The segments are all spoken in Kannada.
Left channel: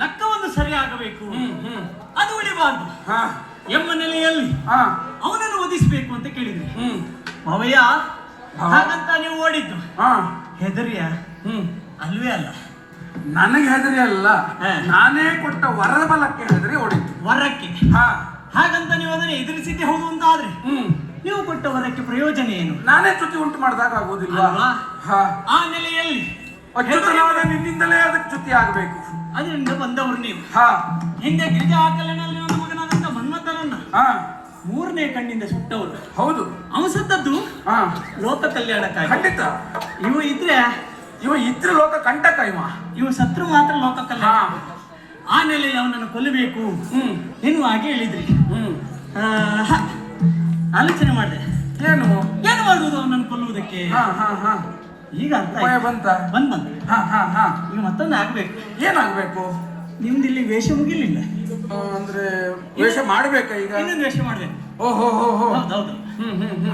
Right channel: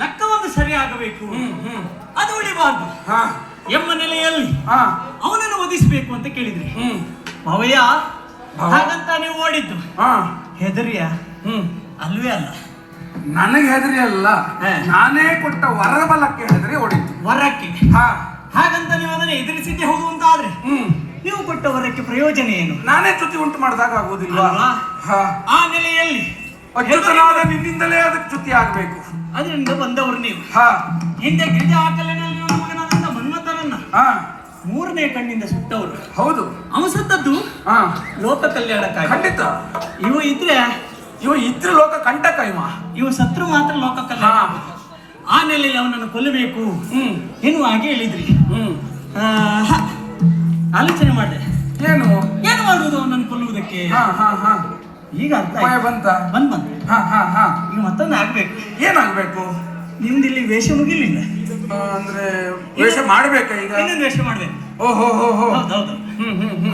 ಲೆಕ್ಕವನ್ನು ಸರಿಯಾಗಬೇಕು, ಅದು ಉಳಿಬಾರ್ದು ಎಂಬ ನೆಲೆಯಲ್ಲಿ ಅವನನ್ನು ಒದಿಸಬೇಕು ಅಂತ ಕೇಳಿದ್ರಿ. ಅವಯ್ಯ ಹಾಗಂತ ನೀವು ಓಡಿದ್ದು ಹೆದರಿಯ? ಅಲ್ವೇ ಅಲ್ಲ, ನನಗೆ ಹೆದರಿ ಅಲ್ಲ, ನಾನೇ ಕೊಟ್ಟ ವರಬಲಕ್ಕೆ ಹೆದರಿ ಓಡಿದ್ದು. ವರಕ್ಕೆ? ಹಾಗಂತ ನೀವು ಅದನ್ನು ಎದುರಿಸಿದ್ದೆ ಹೌದು ಅಂತ ಆದ್ರೆ ನೀವು ಕೊಟ್ಟ ವರಕ್ಕೆ ಪ್ರಯೋಜನ ಏನು? ನಾನೇ ಚ್ಯುತಿ ಉಂಟು ಮಾಡಿದಾಗ ಆಗೋದಿಲ್ಲ. ಆ ನೆಲೆಯಲ್ಲಿ ನಿನ್ನಿಂದಲೇ ಅದಕ್ಕೆ ಚ್ಯುತಿ ಆಗ್ಬೇಕು. ಅದರಿಂದ ಬಂದವರು ನೀವು. ಹಿಂದೆ ಗಿರಿಜಾ ಕಲ್ಲಿನಲ್ಲಿ ಮಗನಾದಂತ ಮನ್ಮಥನನ್ನ ಮೂರನೇ ಕಣ್ಣಿಂದ ಸುಟ್ಟವರು. ಹೌದು, ಅವ ಸತ್ತದ್ದು ಲೋಕ ಕಲ್ಯಾಣಕ್ಕಾಗಿ. ಖಂಡಿತ. ಇವ ಇದ್ರೆ ಲೋಕ ಕಂಟಕ. ಇವ ಸತ್ರು ಮಾತ್ರ ಲೋಕ ಕಲ್ಯಾಣ. ಆ ನೆಲೆಯಲ್ಲಿ ಅವನನ್ನು ಕೊಲ್ಲಬೇಕು ಎನ್ನುವ ಹಾಗೆ ಹೇಳಿದ್ರಿ. ಆಲೋಚನೆ ಮಾಡಿದೆ, ಏನು ಮಾಡುವುದು ಅವನನ್ನು ಕೊಲ್ಲುವುದಕ್ಕೆ. ಈಗ ಅರ್ಥ ಬಂತ. ಈಗ ಮತ್ತೊಂದು ಆಗ್ಬೇಕು. ಏನಾಗ್ಬೇಕು? ನಿಮ್ದು ಇಲ್ಲಿ ವೇಷ ಮುಗಿಲಿಲ್ಲ ಅಂದ್ರೆ ವೇಷ ಮಾಡ್ಬೇಕಾ? ಈಗ ಇನ್ನೊಂದು ವೇಷ ಮಾಡ್ಬೇಕು. ಓಹೋ, ಹೌದು.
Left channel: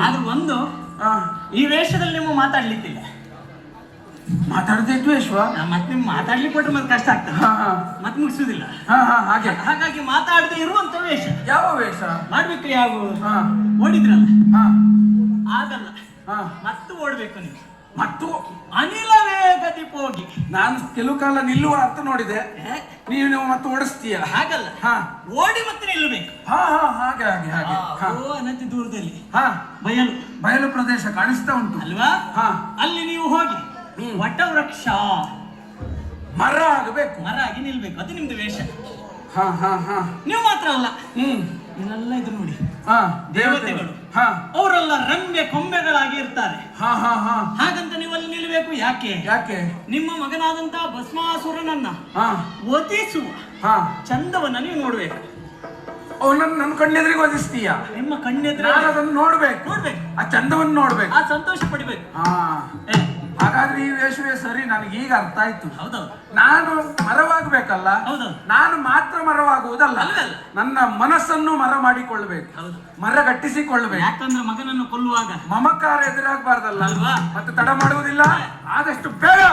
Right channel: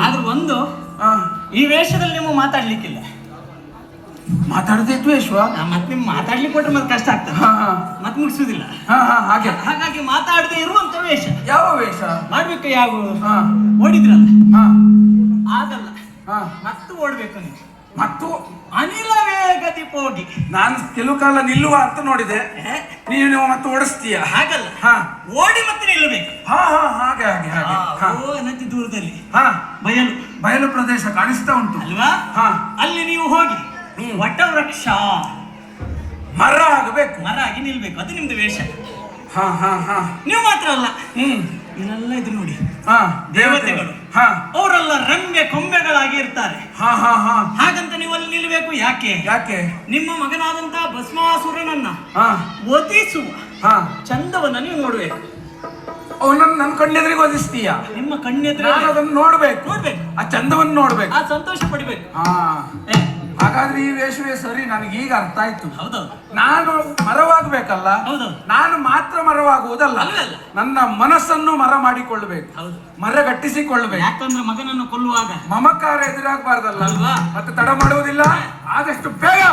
ಆದ್ರೆ ಒಂದು, ಈ ವೇಷದಲ್ಲಿ ನೀವು ಮಾತಾಡ್ಲಿಕ್ಕಿಲ್ಲ. ಮಾತಾಡದೆ ದ್ವೇಷ. ಮತ್ತೆ ನಿಮ್ಗೆ ಮಾತಾಡ್ಲಿಕ್ಕೆ ಕೊಟ್ರೆ ಮತ್ತೆ ಕಷ್ಟ ಆಗ್ತದೆ, ಮತ್ತೆ ಮುಗಿಸುದಿಲ್ಲ. ಹಾಗಾಗಿ ಮಾತಾಡದೆ ಇರುವಂತ ವೇಷ. ಯಾವ ವೇಷ ಮಾಡ್ಬೇಕು? ಯಾವ ಓಡಿದ್ರಲ್ಲ, ಆಗಲ್ಲ. ಮತ್ತು ಓಡ್ಬೇಕು ನೀವು. ಮತ್ತು ಅನಿಲ ವೇಗದಿ ಹೋಗಿ. ನಾನು ಕೆಲವು ಕಾಲ ನಿಲ್ಲುವ ಅಂತ ನೋಡಿದೆ, ನೀನು ಮತ್ತೆ ಓಡಿಸ್ತೀಯ. ಹಾಗಲ್ಲ, ಓಡಿ ಮತ್ತೆ ನಿಲ್ಲಬೇಕು. ಹಾಗೆ ಅನತಿ ದೂರದಲ್ಲಿ ಬಯಲು ಪ್ರದೇಶ ಕಾಣಿಸ್ತಾ ಉಂಟು ಅಲ್ವಾ? ಅಲ್ಲಿ ನೀವು ಹೋಗಿ ವಟವೃಕ್ಷ ಮರ ಆಗಬೇಕು, ಮರ ಆಗಿ ನಿಲ್ಬೇಕು. ಅದು ನಿಮ್ದು ವೇಷ. ನೀವು ಮಾತ್ರ ಅಲ್ಲ, ಇನ್ನೆಲ್ಲ ಇದು ನೋಡಿ, ದೇವತೆಗಳು ಅವರೆಲ್ಲ ರಂಗೆ ಕೊಂಬೆಗಳಾಗಿ ಇರ್ತಾರೆ. ಹಾಗಂತ ನೀವು ಅಲ್ಲಿ ನಿಲ್ಬೇಕು. ಯಾಕೆ? ನಿಮ್ಮ ಮಗನಾದಂತಹ ಭಸ್ಮಾಸುರನನ್ನ ಒದಿಸುವ ಚಂದವನ್ನ ನೀವು ನೋಡ್ಬೇಕು. ಅವನನ್ನು ನನ್ನ ಕಣ್ಣೆದುರಿಗೆ ಒದಿಸ್ತೀಯ. ನಿಮ್ಮ ಕಣ್ಣೆದ್ರೆ ನಾನು ಅದನ್ನು ನೋಡ್ಬೇಕು, ನೋಡ್ಬೇಕು, ಆ ಚಂದವನ್ನು ನೋಡ್ಬೇಕು, ಆ ಸಂತೋಷ ಪಡಿಬೇಕು. ಹಾ ಹಾಗಾದ್ರೆ ಈ ವೇಷವೇ ಸರಿ. ನನಗೆ ಈಗ ಅರ್ಥ ಆಯ್ತು. ಹೌದು, ನಾನು ಮರವಾಗಬೇಕಲ್ಲ, ಹೌದು, ನಾನು ಮಾತ್ರ ಮರವಾಗುವುದಲ್ಲ, ಅಲ್ಲಲ್ಲ. ನನ್ನ ಮನಸ್ಸನ್ನು ಮರ ಮಾಡಿಕೊಳ್ಳಬೇಕು, ಹೌದು. ಮರಗಟ್ಟಿಸಿಕೊಳ್ಳಬೇಕು. ಯಾಕಂದ್ರೆ ಮಗನನ್ನು ಕೊಲ್ಲುವಾಗ ಮಮಕಾರ ಎದುರಾಗಬಾರ್ದಲ್ಲ ಅಲ್ವಾ? ಮತ್ತೆ ತಡ ಮಾಡುವುದಿಲ್ಲ. ಆದಷ್ಟು ಬೇಗ